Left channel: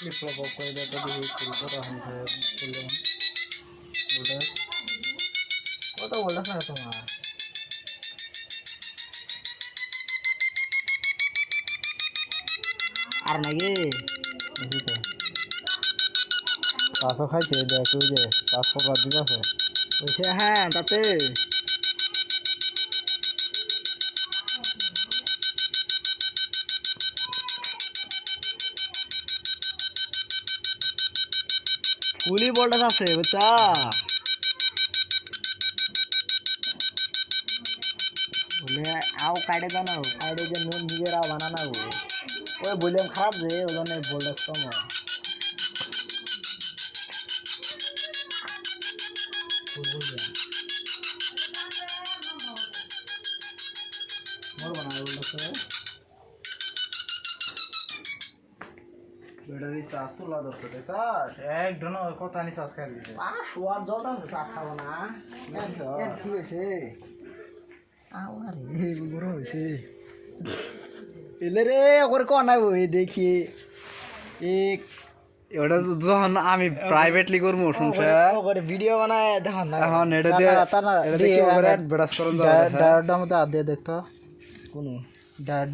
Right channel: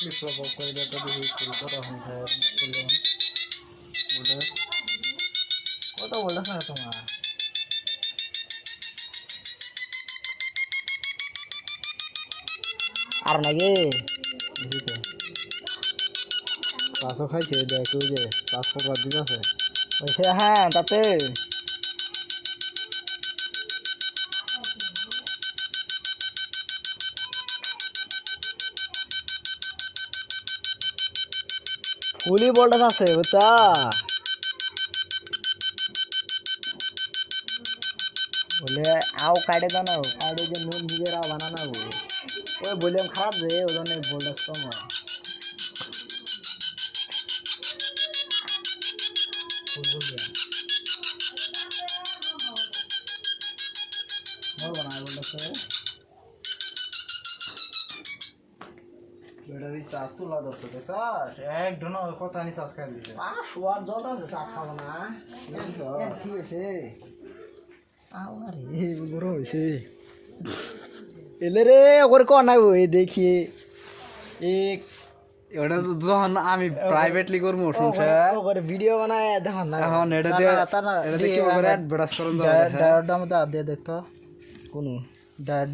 বিপ্লব করে দেওয়া দিবি শুরু করা হয় বললাম বলে কত বলছ না তোমার আর নাকি বুঝিতে পাঁচও খাইছে দেখো যে পাসপোর্ট বাদ দিতে আছে বলছে হ্যাঁ তাতে কুলি বলটা আছে বুঝছা বলে আও কাটে দাও না কাটে যে নুন নিজের আও বানানা ওই বললাম খারাপ যে ওই জন্য বলটা কম मोर बनाया बोल रहा है बेटा भी सास तो ला दो तो सास एक दोनों को तानी सास कर दीजिए आ स्वाद जोता से सास खावा ना ठीक है से आओ ना रे गुरु से এলে রে ওর কোন নাই ওই দেখি এক ওটা তো যখন আমি প্রাইভেটলি করবো শুনছে ওরে ভিডিও বানায় দেখো না এখন এটা দিয়ে এটা দিয়ে কি করে অ্যাডভার্টাইজ করন যাবে ডায়রটা মধ্যে আদ দিয়ে দেখতো কোন ডায়র